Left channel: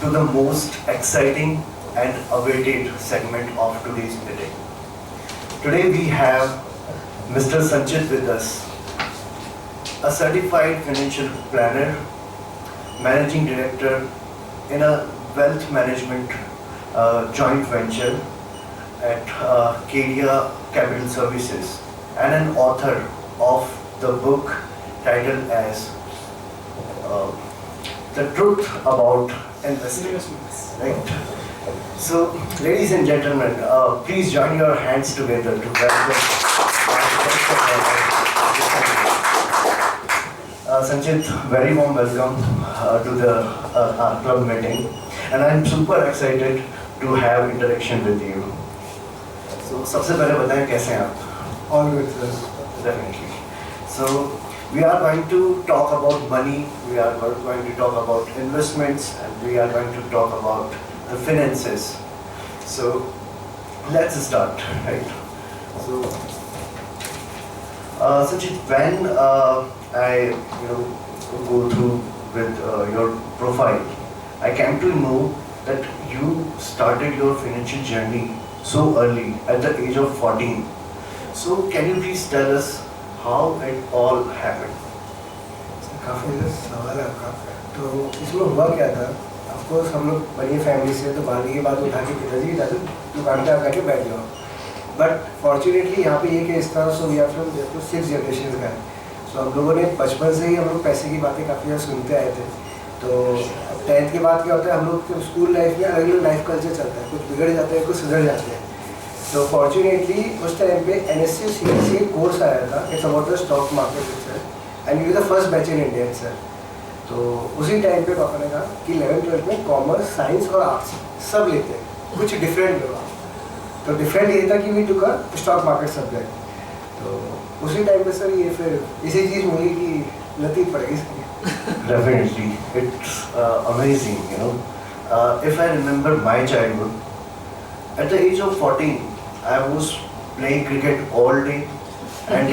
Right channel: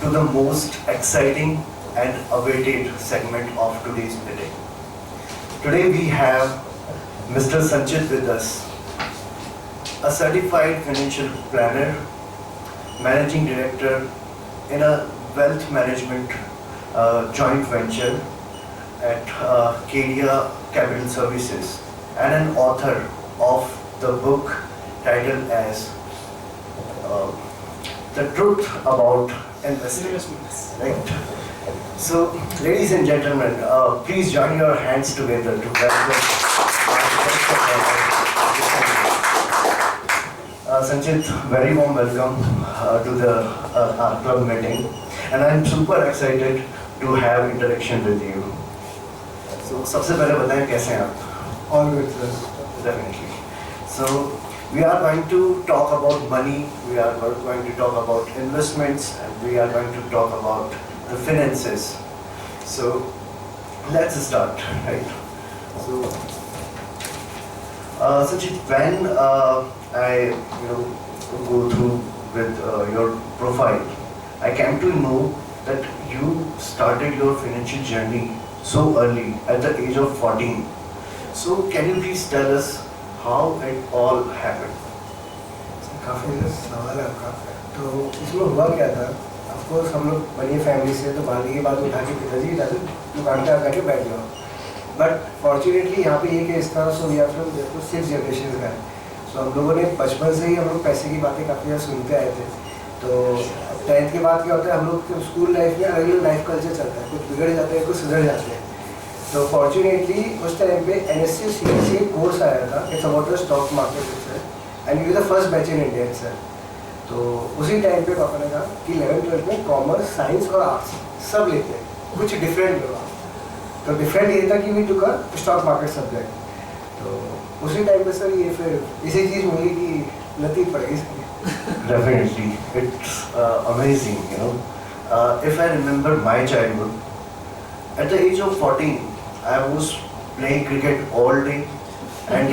to the most exciting and awaited segment of today's meeting. Today we have Mr. Sanchit with us, a certified financial planner, managing director in a wealth management joint venture at Kedia Capital Services, and an author of the book titled as The Truth About Investing. Right? So, ladies and gentlemen, please join your hands together to welcome Sanchit. Very warm welcome to the our club meeting, and I'm super excited to have interaction with you. So, सबसे पहले बताएं कैसे हैं आप? All good, sir. Definitely. So, we are going to talk about money, we are going to talk about investments, and we are going to talk about the finances. So, let's start, right? So, Sanchit, when I go through with your profile, I came to know that you started your financial journey so early, at the age of 14. So, can you please tell us how it all happened? काफ़ी सवाल है आपका। तो इसमें हुआ क्या था? Of course हम लोग बड़ी फैमिली से, तो बारहवीं के बाद उठा के पिताजी दादू दुकान पे आकर के बैठ जाओ। बट फॉर्चुनेटली यहाँ पे ये केस था, so we are from Jaipur 6 generation का है। सो हम लोगों ने बचपन से ही हम लोग पैसे की बातें काफ़ी ज़्यादा सुनते आए थे। तो 10th के बाद क्या होता है, हम लोग स्कूल लाइफ में अलग अलग लाइफ कल्चर चलता है, कुछ बिगड़ जाते हैं, कुछ सुधर जाते हैं। तो फॉर्चुनेटली उस टाइम पे NSC CSC कोर्स आया था, it's about the stock market and you the first batch in India sir. तो उसी टाइम पे पापा ने कहा कि 11th-12th में कॉमर्स, साइंस और आर्ट्स सब लेते हैं, कुछ डिफरेंट होगा। तो डिफरेंट ये था कि we took a stock market subject. तो उसी टाइम पे सर ये फिर इसी चीज़ मिली कि लतीफ़ पड़ गई इसकी। Definitely, it's amazing, you know. If I remember my childhood, at the age of 14, I was playing cricket all day and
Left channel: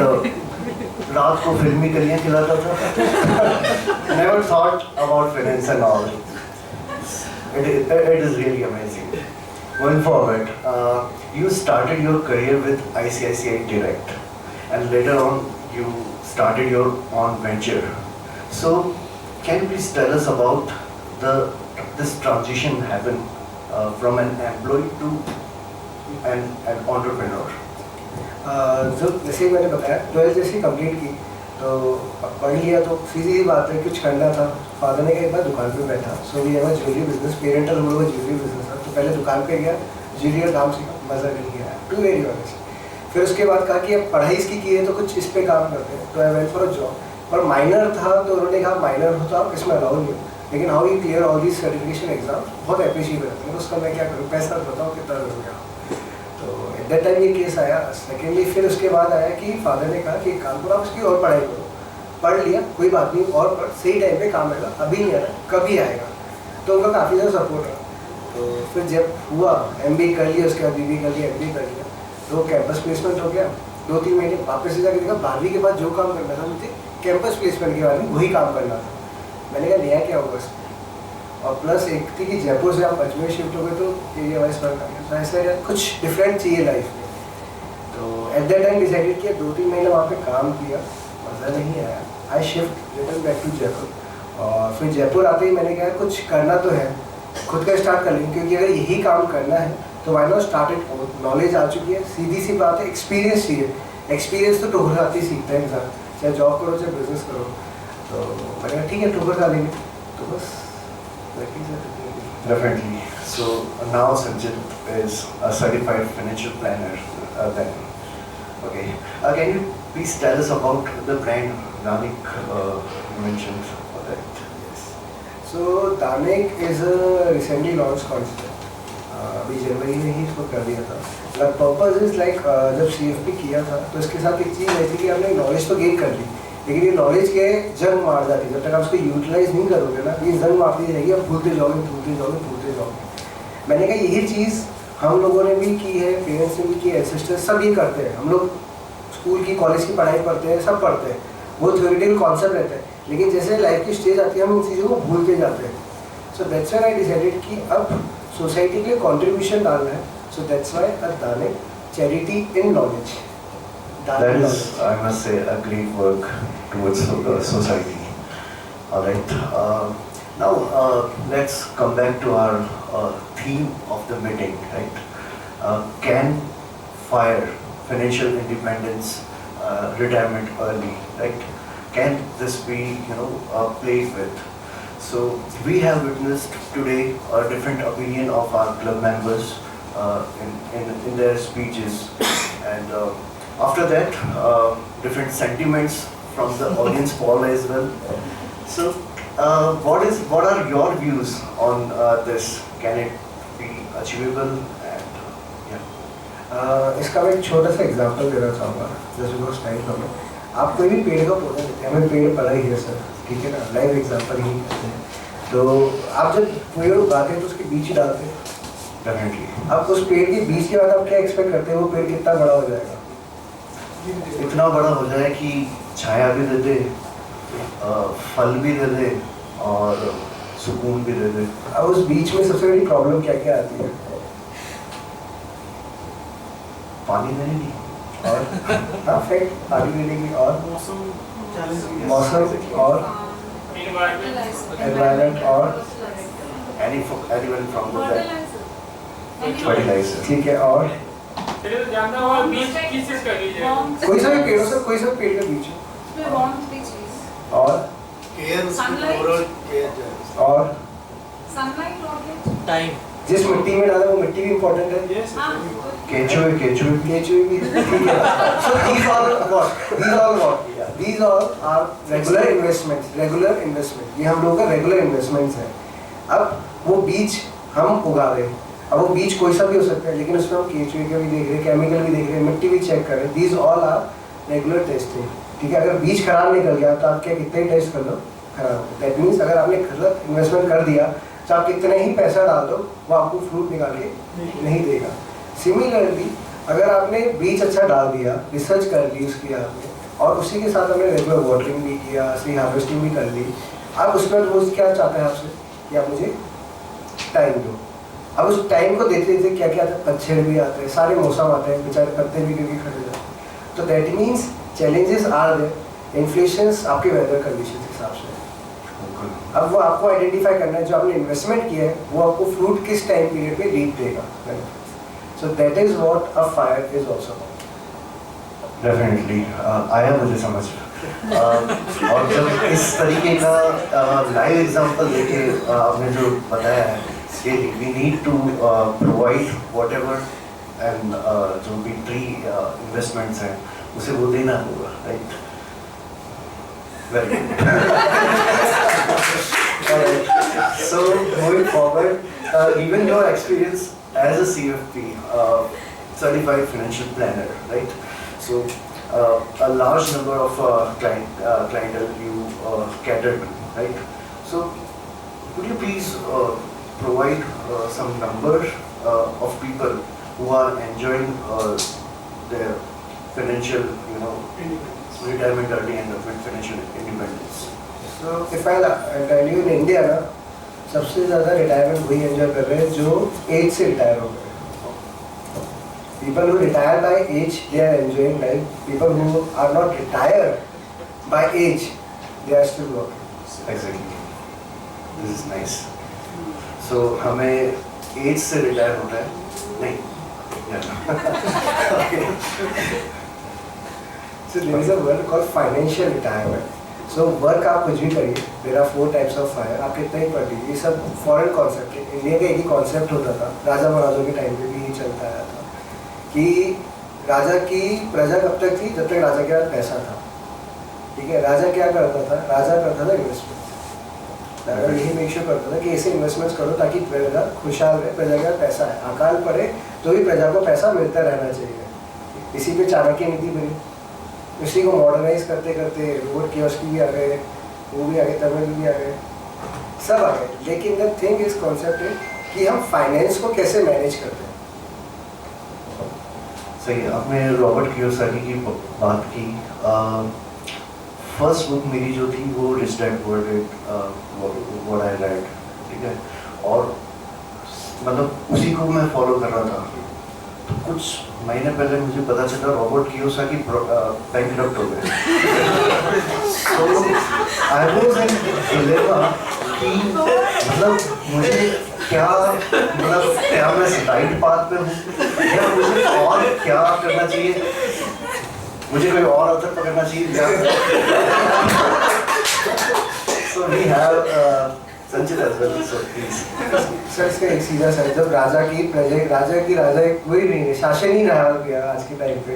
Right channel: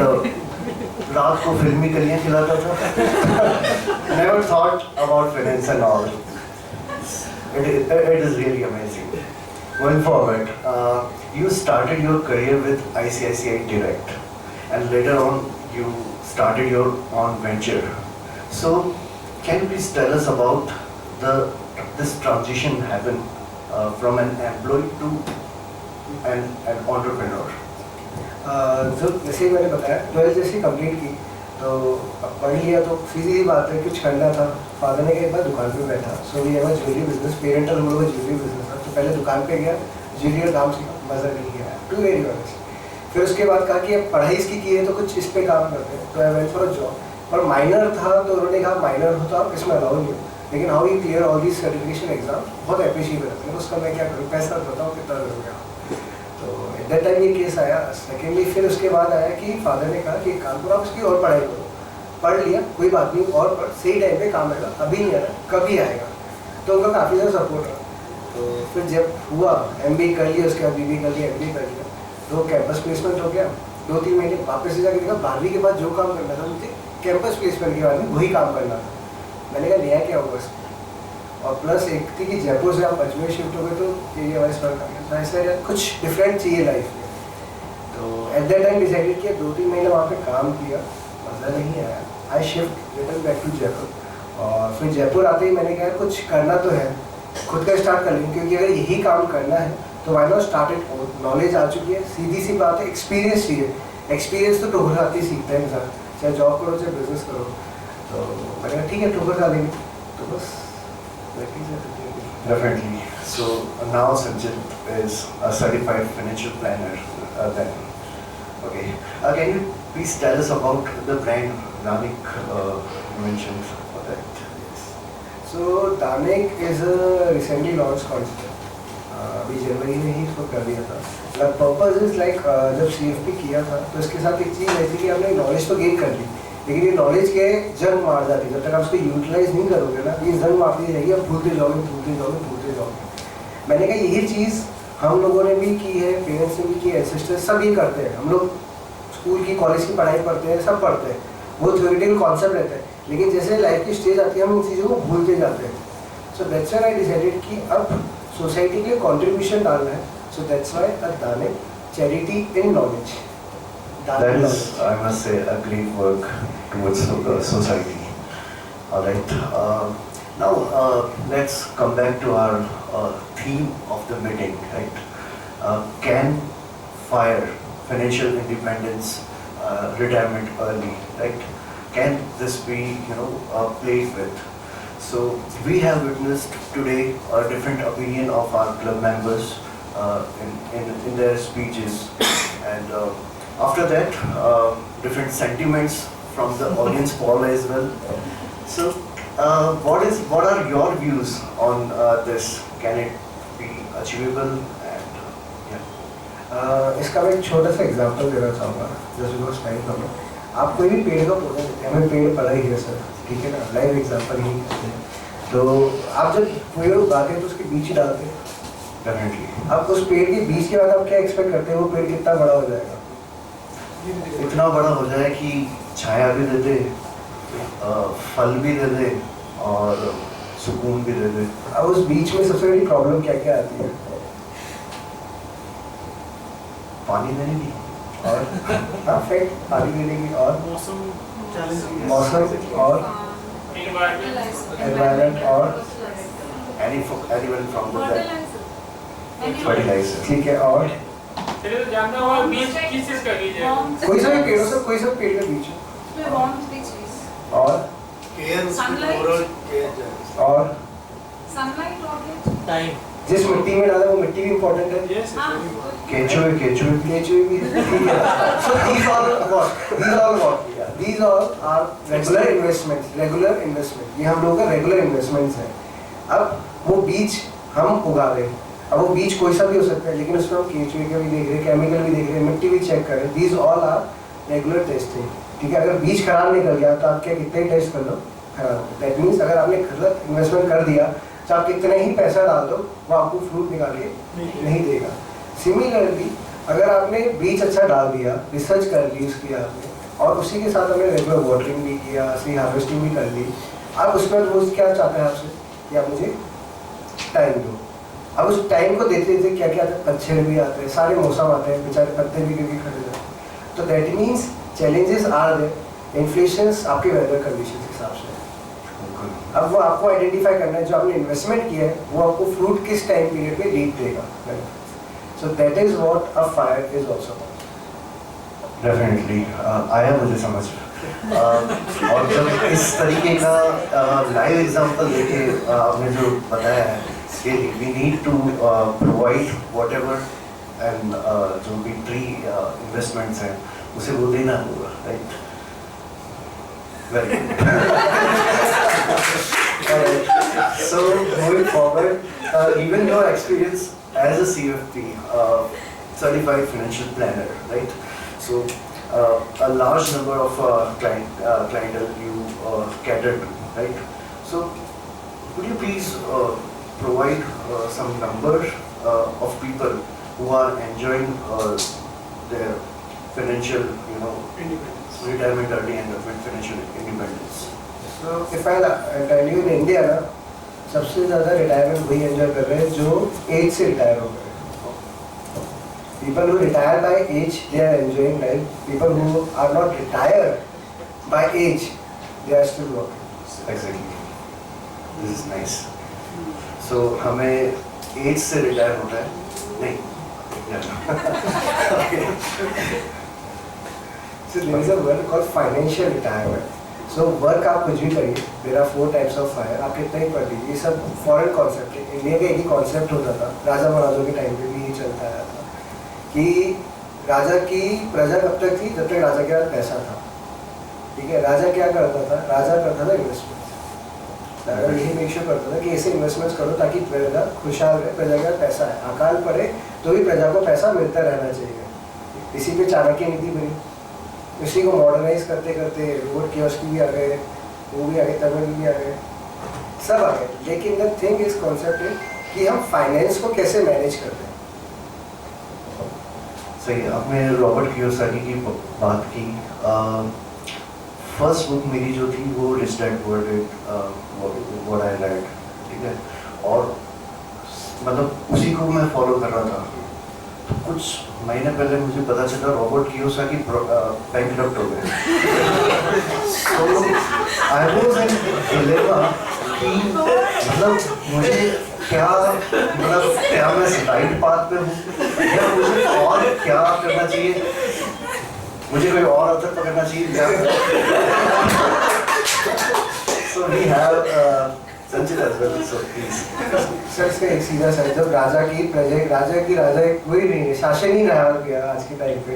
रात को फिल्मी कलियाँ खिलाता था। Never thought about finance and all. It is really amazing. Going forward, you started your career with ICICI Direct, and later on you started your own venture. So, can you please tell us about this transition happen from an employee to an entrepreneur? जो जैसे मैंने बताया 12th जैसे complete की, तो पढ़ लिया तो सीधी सी बात है, कुछ करना था। फादर ने कहा एक बार दुकान पे बैठा, so we have a jewellery business, parental हम लोग का ज्वेलरी बिजनेस था। तो पहले दुकान पे गया, ज्वेलरी काम सीखा, मज़ा नहीं आया, टू वेरी ऑनेस्ट। फिर उसके बाद कहा कि अब पढ़ाई इसकी की है तो कुछ इस पर काम करते हैं। तो I went for a job, पर माइनर था तो उन्होंने कहा माइनर हो तो आप इसमें अलाउ नहीं हो, लेकिन how you clear all these certification exam बहुत अप्रिशिएट करते हैं। उसका मैं क्या करूँ, पैसा बताओ कितना लगेगा। तो एट दैट टाइम ये केस आया। सेकेंडली फिर उसके बाद आया कि फादर ने कहा कि एक काम करो, आप उसकी और पढ़ाई करो। पढ़ लिया, कोई बात नहीं, और पढ़, सही टाइम पे काम आएगा, अभी नहीं आ रहा कभी आएगा। तो उनका काफ़ी ज़्यादा सपोर्ट रहा। तो फिर जब हुआ MBA कर लिया, उसके बाद BBA कर लिया, MBA कर लिया, तो कैंपस प्लेसमेंट हो गया। 2-3 महीने वापस से जाकर देखा, 12वीं के बाद जो काम करना था मुझे कैंपस प्लेसमेंट के बाद में वही काम करना था। मैंने कहा नया क्या होगा इसमें, और प्लस एक थी कि जयपुर से आप अजमेर शिफ्ट हो गए तो एरिया वाइज फर्क आ गया। तो ऐसा कुछ डिफरेंट चाहिए लाइफ में। तो एट दैट टाइम डिसाइडेड किया, 2-3 महीने वहाँ पे काम किया, मज़ा नहीं आया। I shift return back to Jaipur, और फिर जयपुर आते ही मैंने कहा कुछ करना तो है, खुद का स्टार्ट कर लेंगे, क्योंकि अगर यही काम करना है तो why not start it own. Knowledge आ चुकी है, सीधी सी बात है, एक्सपीरियंस चाहिए। एक्सपीरियंस तो ठोकर खाते ही सीखता है इंसान, चाहे जॉब करो चाहे बिजनेस करो। तो मैंने कहा ठीक है, ठोकर खा लेंगे। तो बस Definitely. So now Sanjit is a certified financial planner. Then, okay. Can you please tell us about the brand Danik you mentioned for that? Yes. So Danik is a recently launched concept. अभी जनवरी में ही इसको कर दिया था। The purpose is like जब CFP किया था तो इसके साथ एक चीज़ ऐसी कि आपने नॉलेज तो गेन कर ली, लेकिन ये नॉलेज के जंग मार जाती है। जब तक आप उसको यूटिलाइज नहीं करोगे ना, ये जंग मारती रहेगी, आप भूलते जाओगे। मैंने कहा यही चीज़ हम लोगों ने भी की है, पेरेंट्स ने भी की, एंसेस्टर्स सब ये करते हैं। हम लोग स्कूल की, कॉलेज की पढ़ाई पढ़ते हैं, सब पढ़ते हैं, वो थ्योरेटिकल कॉन्सेप्ट रहता है, लेकिन जैसे लाइफ की स्टेज आती है हम उन चीज़ों को भूलते जाते हैं। So that's why I decided कि अब सोसाइटी के लिए कंट्रीब्यूशन डालना है. So that's why Adane charity in knowledge. That is, I must say, a great work towards society. All right. Now let's come back to our theme of the meeting. Right? Can FIRE, financial independence, retirement early, right? Can this be, played with? So we have witnessed today a different opinion of our club members in their speeches, and after that, different sentiments from the audience poll as well. So, what are your views on this? Can it be achievable? And yeah. इसका मैं एक छोटा सा example देना चाहूँगा जैसे because time कम है. आप कोई भी पेड़ का पौधा देते हैं, हमें पेड़ पड़ा ही है सर, ठीक है ना, लाइव एग्जांपल ही करते हैं. तो आप जब पेड़ उगाते हैं तो उसके बीज ही डालते हैं. Definitely. अब उस पेड़ के बीज के बाद आप क्या एक्सपेक्ट करते हैं वो पेड़ कितना बड़ा हो जाएगा? इतना बड़ा हो जाए कि छाया भी दे दे, फल भी दे दे और सुकून भी दे दे. अब उस बीच में सबसे बड़ी प्रॉब्लम क्या क्या आती है? पानी देने की और हाँ फैक्ट पानी देने की और मौसम और एनवायरनमेंट और anyone from the fertilizer. ठीक है. और चलिए तो जानते हो बीज किस चीज का बीज है? कोई सा भी पेड़ हो, कोई सा पेड़ का बीज हो. और और टाइम. जिस मिट्टी में डाला वो मिट्टी भी इम्पोर्टेंट है. केचुए केचुए भी ठीक है. So these all are regular investment. ये हम लोगों का रेगुलर इन्वेस्टमेंट्स है. अब वो बीज हम उगा रहे हैं. अब वो बीज कोई सा भी हो सकता है, लेकिन उसमें हम केचुए का भी देख रहे हैं, केमिकल भी देख रहे हैं, मिट्टी भी चेक कर रहे हैं. These all are regular testing. ठीक है. अगर बीज खराब निकल गया तो आप क्या कितने ही टेस्ट कर लो खराब. दैट मीन्स अगर आपने गलत इन्वेस्टमेंट कर दिया तो आप कितने ही पैसा डाल दो वो आपको फ्रूट निकाल के नहीं देगा. सिमिलरली अगर आपने बीज अच्छा डाल दिया, रिसर्च कर ली उसकी आपने, और उसी के साथ हमने रेगुलर वाटरिंग भी किया, सही हार्वेस्टिंग भी कर ली, अब उसके बाद वो क्या चाहता है आपसे कि आप मुझे टाइम दो. अब उस टाइम को देते देते क्या क्या आता है, पतझड़ भी आते हैं, सारे मौसम आते हैं, बेचारे पत्ते भी गिर के खड़े जाते हैं. तो that means challenges are there. Inflations आपके वेदर कंडीशन के हिसाब से. अब वो आपको आइडेंटिफाई करना है जो आपने इन्वेस्टमेंट किया है वो आपको फ्रूट किस टाइम पीरियड पे रीप देगा. So that is what a fire is also. Definitely आया मुझे समझ. और जब इस तरीके का लाइव एग्जांपल देके आपने जो बताया है कि we need to provide whatever and जो भी ट्री इन्वेस्टमेंट्स हैं उसे वो देना होगा. Right. Very good. So moving forward, given your experience as a CFP, certified financial planner, right? So a large number of clientele you cater to, right? So could you please provide some numbers of people who are enjoying their financial, retirement early and financial independence? So if I tell you in India ना सबसे ज़्यादा retirement वही enjoy कर रहे हैं जो as से retire हो गए. People who retire by age they are enjoying life. People who are not retired by age they are still working. Exactly. This is nice. So हमें एज से रिटायर होना है नहीं. So there is a word called financial retirement. So work आप कुछ भी करिए. There are 4 types of fire. आप कितना ही पढ़ लीजिए. ये सब फॉरेन कॉन्सेप्ट है. इंडिया का एक ही कॉन्सेप्ट होता था. राजा महाराजों के टाइम पे भी ये चलता आया था कि राजा की प्रजा कब तक थी जब तक राजा के पास पैसा था. ठीक है. राजा क्या करता था? राजा करता था इन्वेस्टमेंट. राजा यही मेक श्योर करता था कि ऐसे इन्वेस्टमेंट्स करो ताकि प्रजा खुशहाल रहे. प्रजा के पास पैसा है, अकाल पड़े तो भी प्रजा को पैसा मिलता रहना चाहिए. इसी पे चाणक्य नीति बनी. इसी को मॉडर्नाइज करते करते रोड कियोस्क भी आ गए, वो भी आ गए, तमिल भी आ गए, सब आ गए. लेकिन द थिंग इज कॉन्सेप्ट है कि हम फाइनेंस को कैसे मैनेज करते हैं. सही. आपने रॉबर्ट कियोसाकी की बात की. फर्स्ट बुक मेरी जो थी वो rich dad poor dad what I read. ठीक है, और मतलब उसी को मैं फॉलो कर रहा था। तो कुछ महीने पहले मुझे पता चला रॉबर्ट कियोसाकी बैंकरप्ट हो गए। तो आई वाज इन डिलेमा कि मतलब मुझे क्या, मतलब क्या मैं राइट पाथ पे हूँ या मुझे और क्या करना चाहिए, मुझे कोई और अवसर पकड़ना चाहिए क्या? So we have Sanchit as well, so please. Sir इसका एक सीधा सा है, जब राजा की प्रजा, राजा एक वही नहीं है, शासन ही रहा गया आज के टाइम पे,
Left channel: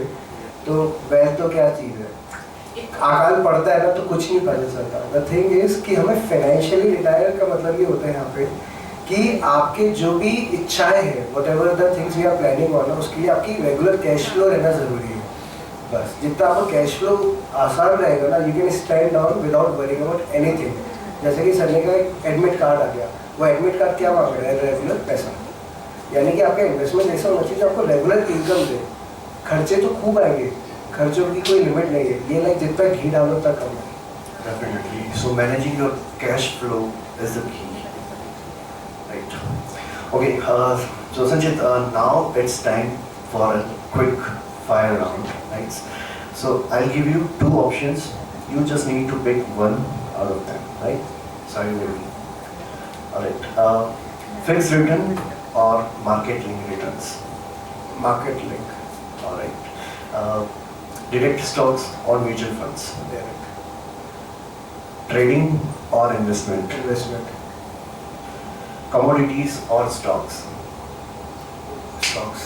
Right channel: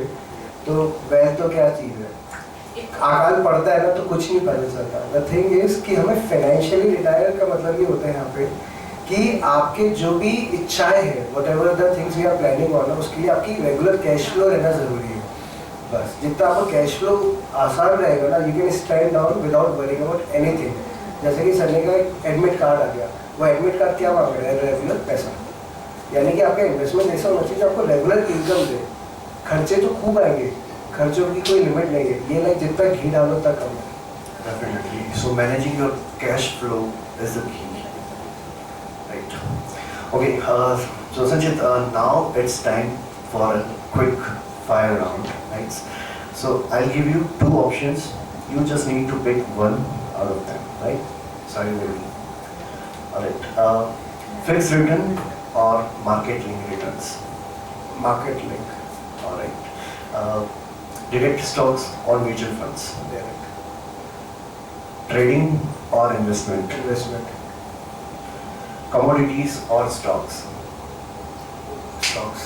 तो वह तो क्या चीज़ है, अकाल पड़ता है ना तो कुछ नहीं पता चलता। द थिंग इज कि हमें फाइनेंशियली रिटायर का मतलब ये होता है यहाँ पे कि आपके जो भी इच्छाएं हैं, whatever the things we are planning on, उसके लिए आपकी रेगुलर कैश फ्लो रहना जरूरी है। बस जितना आपको कैश फ्लो आसान रहेगा ना, you can stand down without worrying about anything. जैसे कि सर ने का एक एडमिट कार्ड आ गया, वो एडमिट कार्ड क्या मांग रहा है? रेगुलर पैसा, यानी कि आपका इन्वेस्टमेंट ऐसा होना चाहिए जो आपको रेगुलर इनकम दे। खर्चे तो खूब आएंगे, खर्चों की कोई लिमिट नहीं है, ये लाइक जितना घी डालो उतना कम है। Definitely. So managing your cash flow is the key, right? Okay. So Sanchit, now it's time for a quick fire round, right? So I'll give you two options. You just need to pick one out of them, right? So are you ready? All right. Fixed return or market link returns? Market link, All right. Direct stocks or mutual funds? Trading or investment? Investment, Commodities or stocks? Stocks,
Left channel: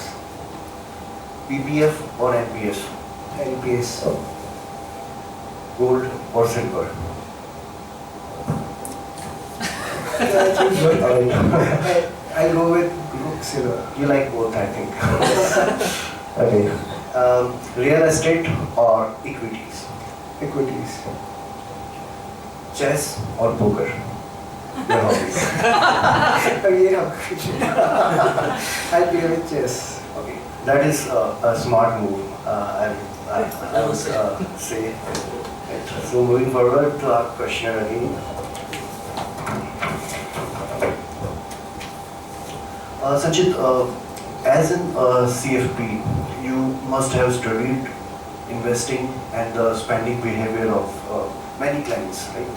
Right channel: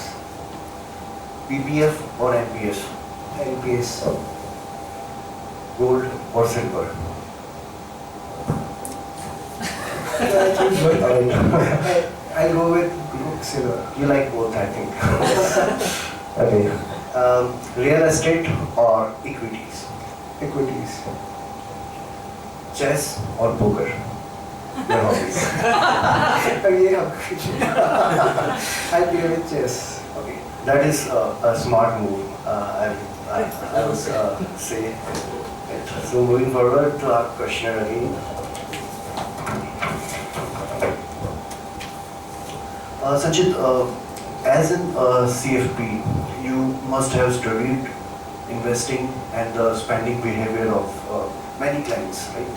PPF or NPS? NPS, Gold or silver? I go with silver. You like both, I think. Okay. Real estate or equities? Equities, Chess or poker? Your hobbies. अब ये I play with chess. Okay. That is a smart move. I would say it. So moving forward to our questioner again. Sanchit, as in CFP, you must have studied investing and the spending behavior of many clients, right?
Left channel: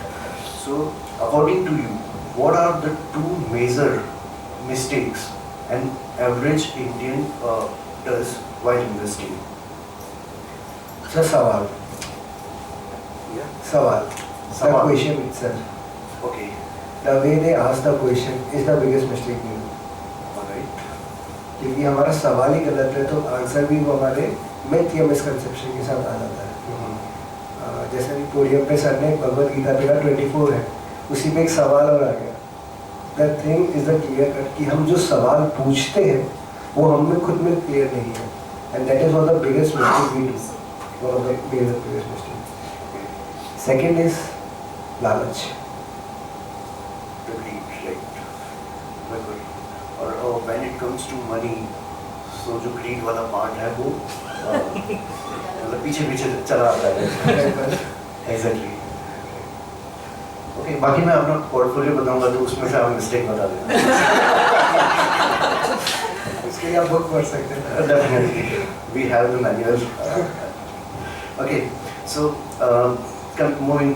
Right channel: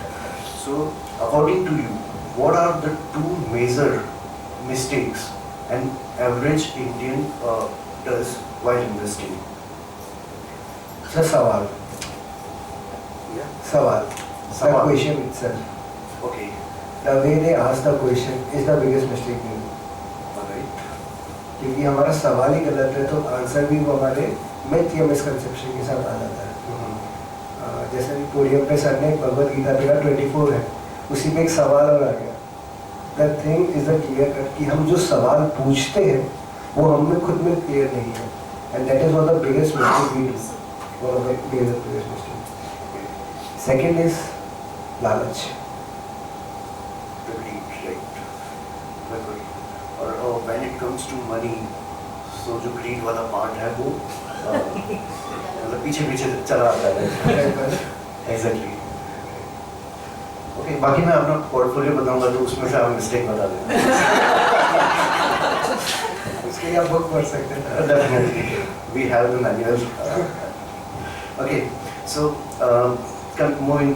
So, according to you, what are the two major mistakes an average Indian does while investing? Sir सवाल, सवाल, the सवाल. question itself, Okay, the way they ask the question is the biggest mistake we do. alright. क्योंकि हमारा सवाल ही गलत है तो answer भी वो हमारे मिथ या मिसकंसेप्शन के साथ आ जाता है। जैसे भी पोडियम पे सर ने भगवत गीता पेरा 24 है, उसी पे एक सवाल और आ गया। The thing is the clear cut कि हम जो सवाल पूछते हैं वो हम में खुद में क्लियर नहीं है, and that is one of the biggest mistake we do, one of the biggest mistake. Second is लालच। The greed, right? बिल्कुल। और when it comes to money, so जो greed वाला part है वो मतलब पीछे पीछे चला आता है। Exactly. Okay, बाकी मैं अपना पोर्टफोलियो बताऊंगा तो उसमें से आप मिस्टेक बता देना। उसके लिए आप बुक पढ़ सकते हैं। Definitely, we have the manual. Okay, so moving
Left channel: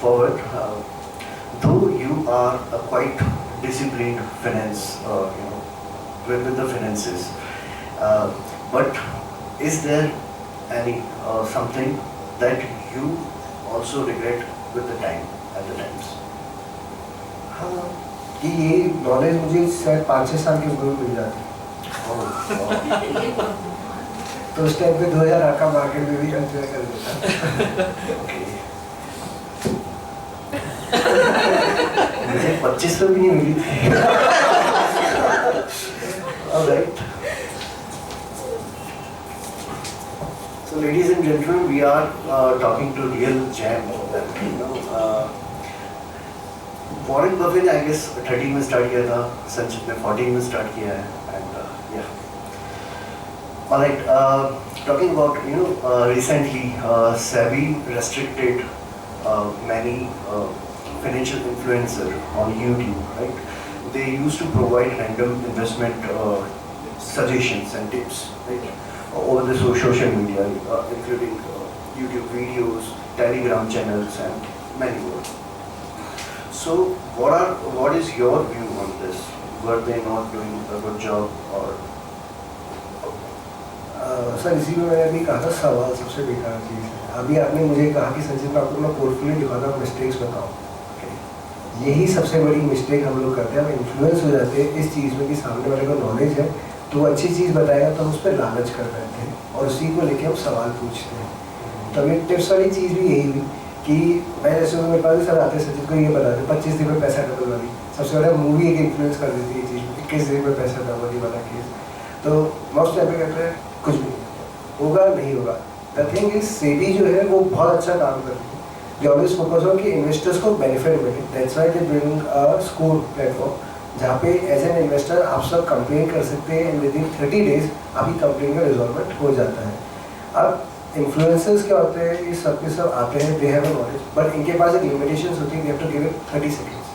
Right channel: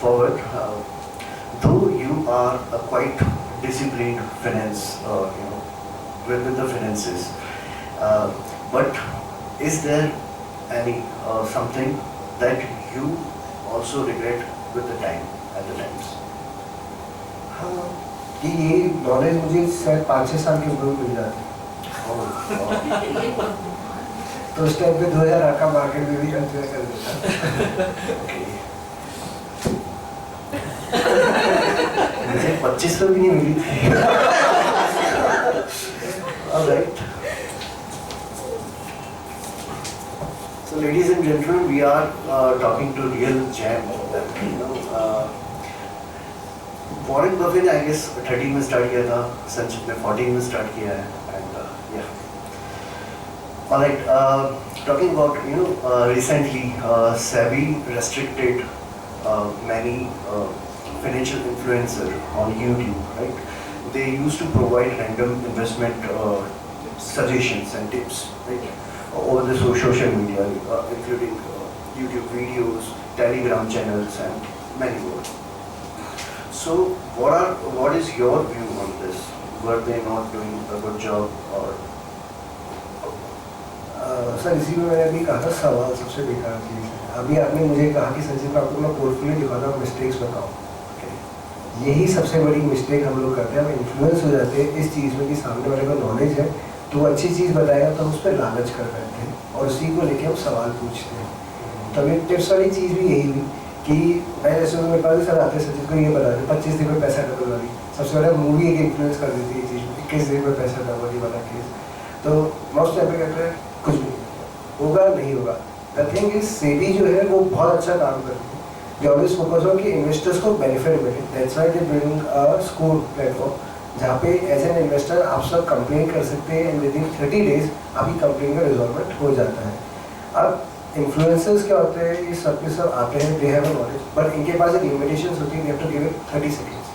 forward, though you are a quite disciplined finance, with the finances, but is there any something that you also regret with the time at the times? हाँ, कि ये knowledge मुझे शायद 5-6 साल की उम्र में मिल जाती, Oh, तो उस टाइम पे 2008 का मार्केट में भी कंसिडर कर देता। okay. मुझे 25 पे भी नहीं मिली थी। All right. So, ladies and gentlemen, we are talking to real gem. Warren Buffett, I guess, 13 में start किया था, संचित ने 14 में start किया है, and yeah. All right. Talking about recently, SEBI restricted many financial influencer on YouTube, right? They used to provide random investment suggestions and tips, right? Over the social media, including YouTube videos, Telegram channels, and many more. So, what is your view on this? Were they not doing a good job, or? Sir इसी में मैंने अभी कहा था सवाल सबसे बेकार चीज़ है। अभी आपने मुझे कहा कि संजीव मैं आपको अपना पोर्टफोलियो दिखाता हूँ, मिस्टेक्स बताओ। यही सबसे बड़ी मिस्टेक हम लोग करते हैं, हम इन्फ्लुएंस हो जाते हैं इस चीज़ में कि सामने वाले को नॉलेज है तो वो अच्छी चीज़ बताएगा तो हम उस पर लालच कर रहे थे और उसी को लेके हम सवाल पूछते हैं। तो अभी टिप्स वाली चीज़ भी यही हुई कि मैं जैसे मेरे पास भी सर आते संजीव को ये बता दें 25 दिन में पैसा डबल वाली सबसे बड़ा मूवी एक इन्फ्लुएंस कर देती है ये चीज़, 21 दिन में पैसा डबल वाला केस। तो मोस्ट टाइम पे कहते हैं कुछ भी होगा नहीं होगा। द थिंग इज सेबी जो है वो बहुत अच्छा काम करती है, दे ऑलवेज फोकस ऑन कि इन्वेस्टर्स को बेनिफिट मिले। That's why they bring a score platform जहाँ पे एज एन इन्वेस्टर आप सब कंप्लेन कर सकते हैं एंड विद इन 30 डेज आपकी कंप्लेन का रिजॉल्वमेंट हो जाता है। अब इन्फ्लुएंसर्स क्या होते हैं, ये सब के सब आते हैं, they have a knowledge but इनके पास एक लिमिटेशंस होती है, they have to give it 30 seconds,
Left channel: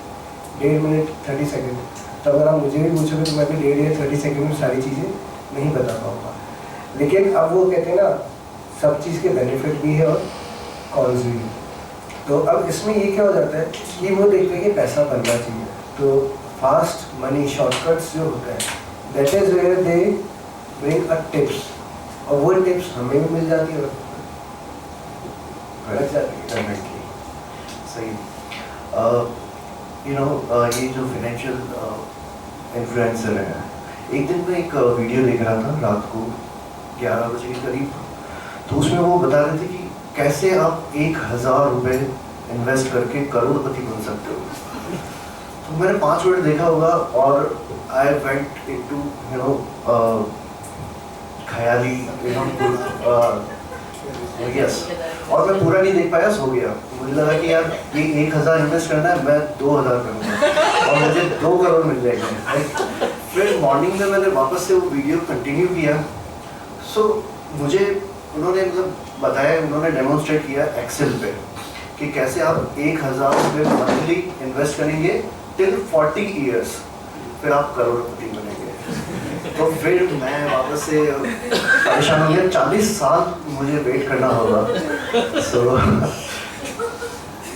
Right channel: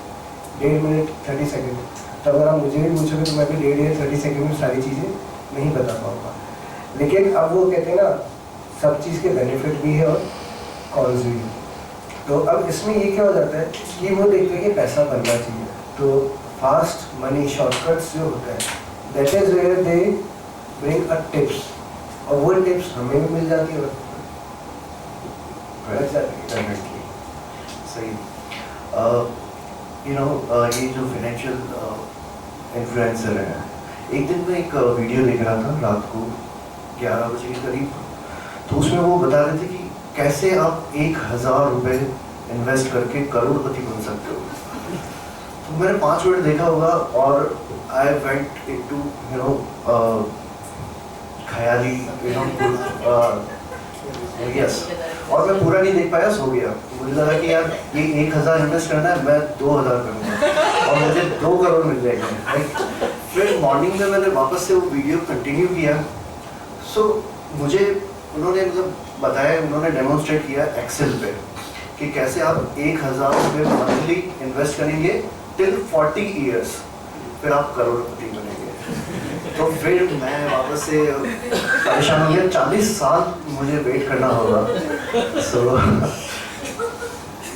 1.5 minute 30 second. तो अगर आप मुझे भी पूछोगे तो मैं भी 1.5 या 30 सेकंड में सारी चीज़ें नहीं बता पाऊँगा। लेकिन अब वो कहते हैं ना सब चीज़ के बेनिफिट भी है और कॉन्स भी है। तो अब इसमें ये क्या हो जाता है कि वो देखते हैं कि पैसा बनना चाहिए, तो फास्ट मनी शॉर्टकट्स जो होते हैं that is where they bring a tips और वो टिप्स हमें भी मिल जाती है Definitely. सही। ये जो फाइनेंशियल इन्फ्लुएंसर है, एक दिन मैं एक वीडियो देख रहा था रात को 11 बजे के करीब, तो उसमें वो बता रहे थे कि कैसे आप 1000 रुपये इन्वेस्ट करके करोड़पति बन सकते हो। तो मैंने 5 मिनट देखा होगा और I went into Khyali yes, और मैं पूरा नहीं देख पाया, सो गया। मुझे लगा कि यार ये 1000 इन्वेस्ट करना है, मैं 2000 करूँगा और मुझे 2 करोड़ मिल जाएंगे। फिर मॉर्निंग में मैंने वापस से वो वीडियो कंटिन्यू किया। सो मुझे उन्होंने मतलब बताया, उन्होंने डेमोन्स्ट्रेट किया एक्सेल पे कि कैसे आप 1000 रुपये मंथली इन्वेस्ट करेंगे टिल 40 ईयर्स, फिर आप करोड़पति बनेंगे। तो फिर मैं वापस से परेशान हो गया, 40 साल मुझे वेट करना होगा। So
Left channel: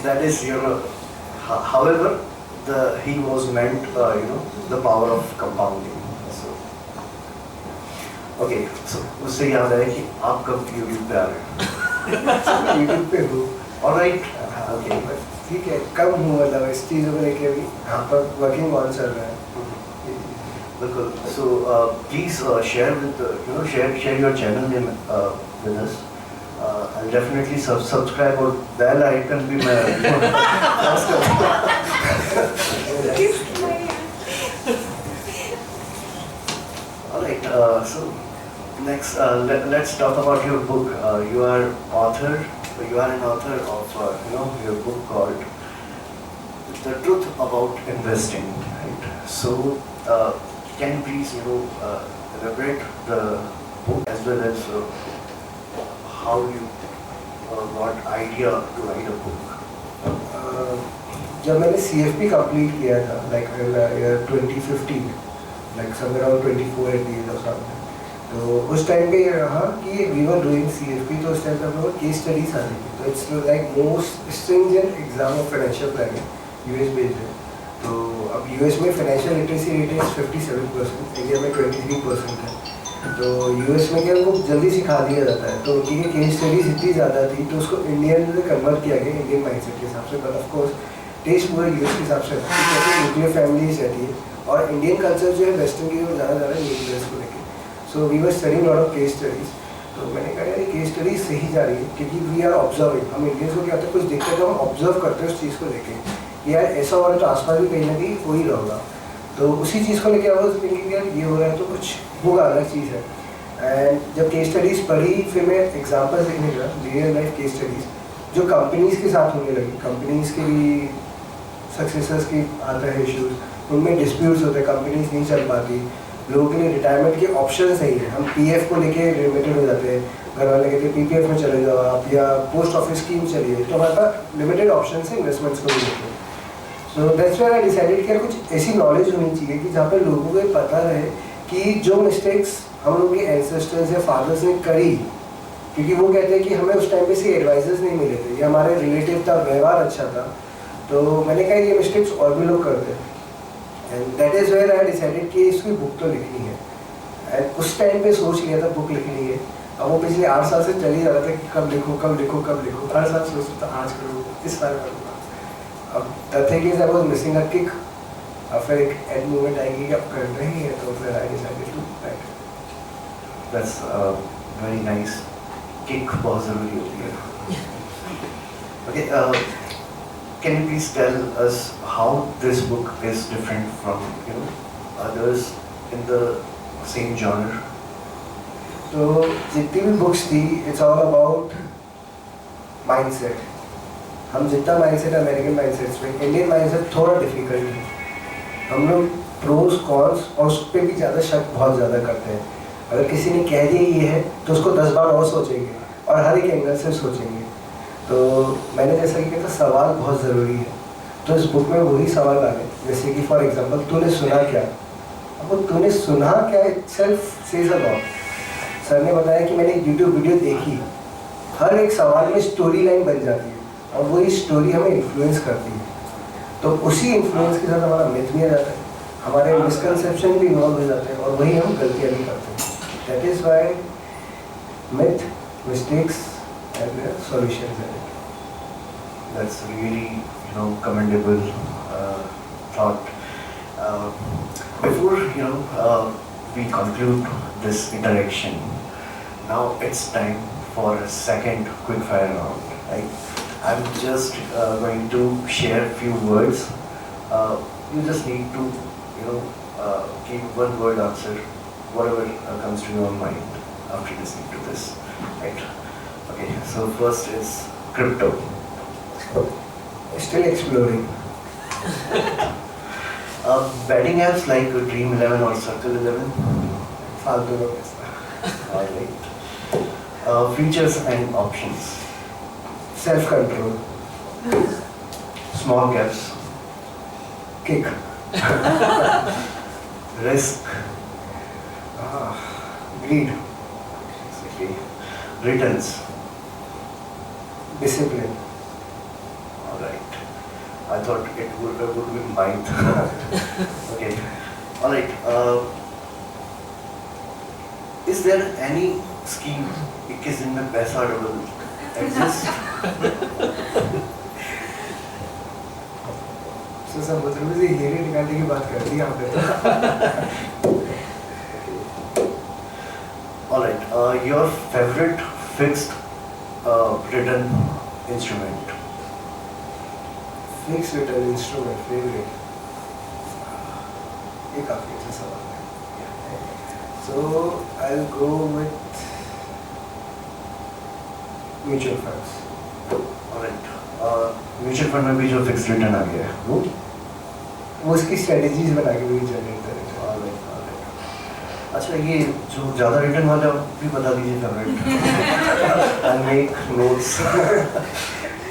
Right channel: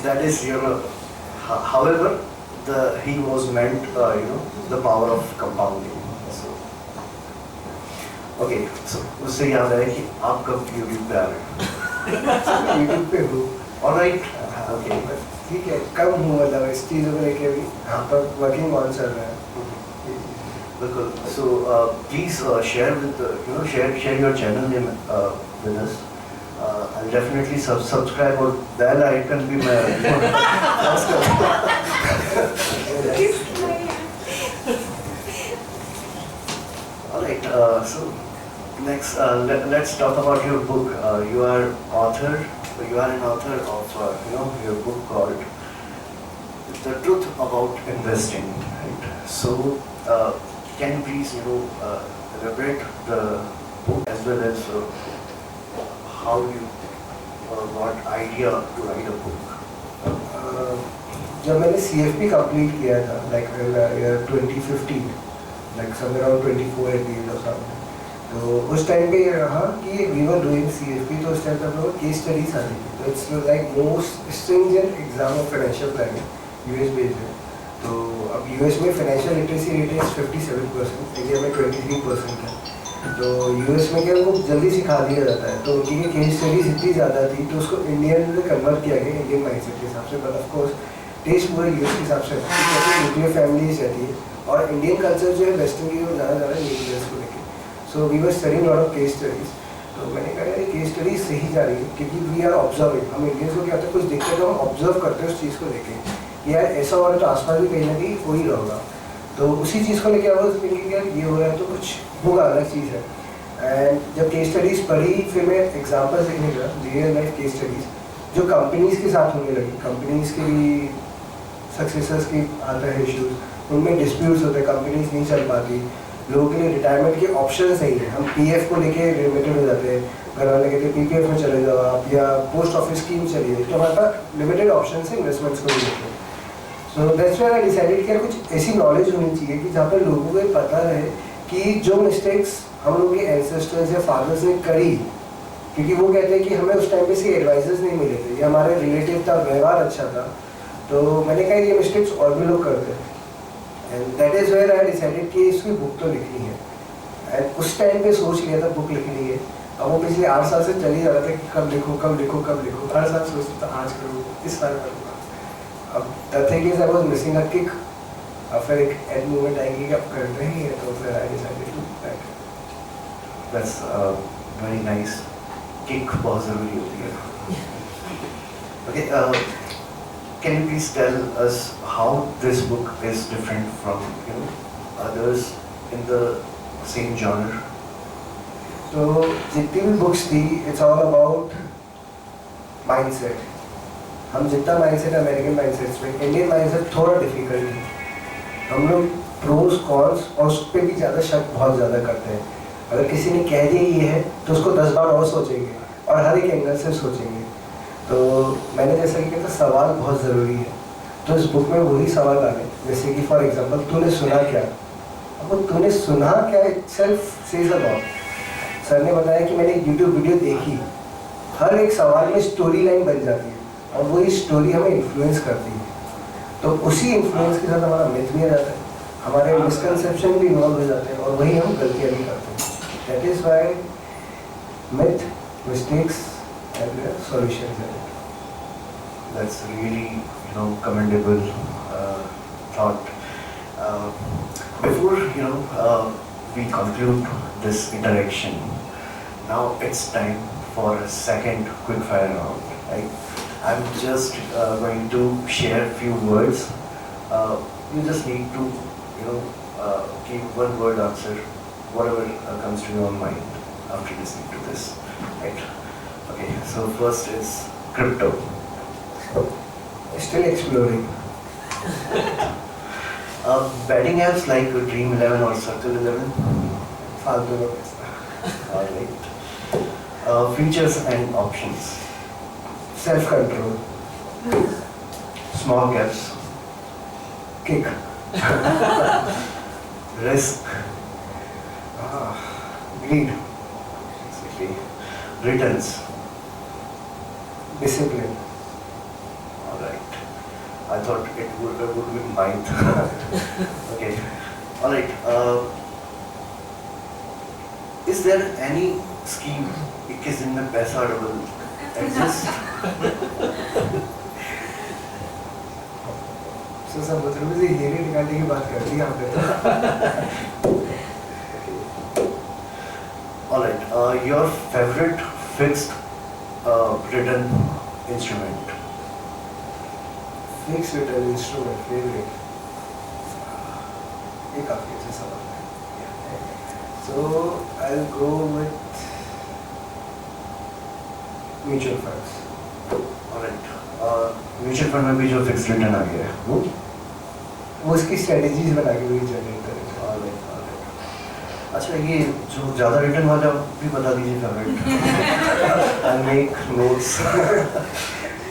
that is however he was meant the power of compounding. So okay, so उससे याद आया कि आप कब YouTube पे आ रहे हैं? यूट्यूब पे हो All right, okay. ठीक है, कम हूँ मतलब इस चीज़ों को लेके अभी यहाँ पर वर्किंग ऑन चल रहा है। बिल्कुल। So please share with share your channel name with us. I'll definitely subscribe और bell icon भी मैं press करूँगा। All right. So next, let's talk about your book. You are an author of your book called The Truth About Investing. Right. So can you please elaborate the book as well as how you got idea to write a book? जब मैंने CFP complete किया था like year 2015 like somewhere around 24 at the age of something, तो उस time पे ये रहा कि वी वर डूइंग CFP, तो उस टाइम पे हम लोग केस स्टडीज आती थी, तो it's like most stringent exam of financial planning US based है। तो अब US में फाइनेंशियल लिटरेसी रेट है 57%, इंडिया में 23% है। तो US में क्या उनको जल्दी सिखा दिया जाता है, तो उनकी केस स्टडीज इतनी ज़्यादा थी तो उसको इंडियन में कन्वर्ट किया गया इंडियन माइंडसेट के हिसाब से, बट ऑफ कोर्स टेस्ट पूरे US के हिसाब से न्यूक्लियर फैमिलीज रहती है और इंडियन कल्चर जो है वेस्टर्न की वो ज़्यादा न्यूक्लियर्स को लेकर। So we were studying lot of case studies, तो मैंने कहा यार ये केस स्टडीज सही जा रही है क्योंकि वी आर ऑब्जर्विंग, हम इंडियंस को क्या होता है कुछ देखते हैं तो हम ऑब्जर्व करते हैं उस चीज़ को लेके यार ऐसा हो रहा है तो आसपास भी कहीं ना कहीं हो ही रहा होगा। तो उसी चीज़ को लेके आई वाज थिंकिंग यार ये हो रहा है तो कुछ होगा, अलग चीज़ है। एंड जब केस स्टडीज़ पढ़ी फिर मैं एग्जाम्पल्स देखने लगा, रियल लाइफ केस स्टडीज़ जो कंपनीज़ के साथ होने लगी, कंपनीज़ के भी सक्सेसर्स की आता है इश्यूज़, उनमें डिस्प्यूट्स होते हैं, कंपनीज नहीं चल पाती, लोगों के लिए रिटायरमेंट के ऑप्शन नहीं है, हम PF को लेके लिमिटेड हो जाते हैं, घर वाले कहते हैं PPF में चले जाओ आप या पोस्ट ऑफिस स्कीम चलिए, तो हमारे पास लिमिटेड ऑप्शन है इन्वेस्टमेंट्स को भी लेकर। So that's why I decided कि यार कुछ ऐसी नॉलेज होनी चाहिए कि जहाँ पे लोगों को ये पता रहे कि जो मिस्टेक्स हम लोग के एंसेस्टर्स या फादर्स ने करी, क्योंकि वो कहते हैं कि हमें उस टाइम पे से एडवाइजर्स नहीं मिले थे या हमारे रिलेटिव था, व्यवहार अच्छा था, तो मैंने कहा ये मिस्टेक्स और भी लोग करते हैं। And that is where I decided कि इसकी बुक तो लिखनी है। एंड उस टाइम पे सोच लिया था बुक लिखनी है। अब वो पिछले 8 साल से चल ही रहा था कि कब लिखूँ कब लिखूँ कब लिखूँ, हर साल सोचता था आज करूँ इस साल करूँगा। अब the thing is I was missing a kick. अब फिर एक एंड मोमेंट आएगी कि अब कर रहे हैं, तो फिर I decided to write. That's very nice. Kick बहुत ज़रूरी होती है। Okay, can you please tell us how this book is different from others in the same genre? तो जितनी भी बुक्स थी इट्स ऑल अबाउट माइंडसेट। हम जितना माइंडसेट अमेरिकन माइंडसेट्स में, इंडियन माइंडसेट थोड़ा डिफिकल्ट है। हम लोग प्रोज कॉन्स और उस पर भी ज़्यादा शक बहुत ज़्यादा करते हैं। अगर किसी ने कह दिया ये है तो उसको 10 बार और सोचेंगे और हर एक एंगल से सोचेंगे। तो मैंने जैसा कि कहा था सवाल बहुत ज़रूरी है, तो इस बुक में वही सवाल आ गए। जैसे कि फॉर एग्जांपल तूने सुना क्या। अब वो तूने सुना क्या itself says a lot. Sir ने बताया कि मैंने एक यूट्यूब वीडियो देखी, हर एक सवाल में स्टोरी लाइन बन जाती है और वही स्टोरी हमें इन्फ्लुएंस करती है। तो उसी इन्फ्लुएंस के साथ हमारा मिथ भी आ जाता है, हमारे मिसकंसेप्शन भी इन्वॉल्व हो जाते हैं और वही हम गलतियाँ भी करते हैं। That is why myth, mistakes and solutions in it. That's really, commendable thought. Before, we conclude this interaction, now it's time for a second quick fire round, right? I'm just going to share a few words. You just need to, give one word answer, whatever comes to your mind after listening to this, right? Okay, so first is crypto. Still exploring. Betting apps like Dream 11 or Circle 11. फालतू का पैसा। Alright. Features and options. Self control. Small caps. Kick. Risk. Greed. Exactly. Returns. Discipline. Alright. I thought it would be mind. Okay. Alright. Is there any scheme 21 दिन में पैसा double exist? समुद्र में से हीरे निकालने की बात कर दी आपने तो। Alright. Your favorite fixed return instrument? Fixed return instrument favorite. ये काफी अच्छा सवाल है। So I'll go with mutual funds. Alright. Mutual fund में भी जो fixed return आ गया है वो? वो उसकी strategies बना के वही generate करेगा। Alright. अच्छा ये जो ज़्यादा रिटर्न वाला भी बता दीजिए favourite. I'll make notes.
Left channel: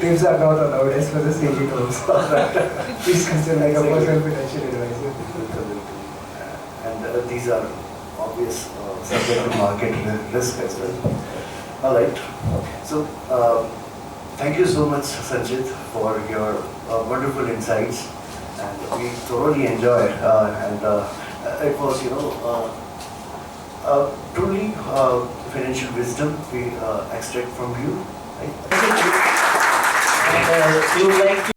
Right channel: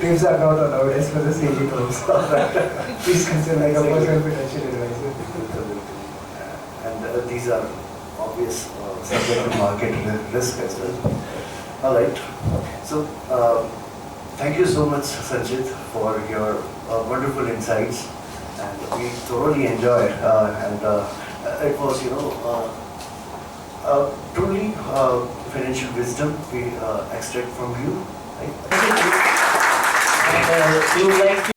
Tips are not allowed as per the CG terms. Please consider like a personal financial advisor. And these are obvious subject to market risk as well. Alright. So thank you so much Sanjit for your wonderful insights, and we thoroughly enjoyed and it was truly financial wisdom we extract from you. Right? And you would like to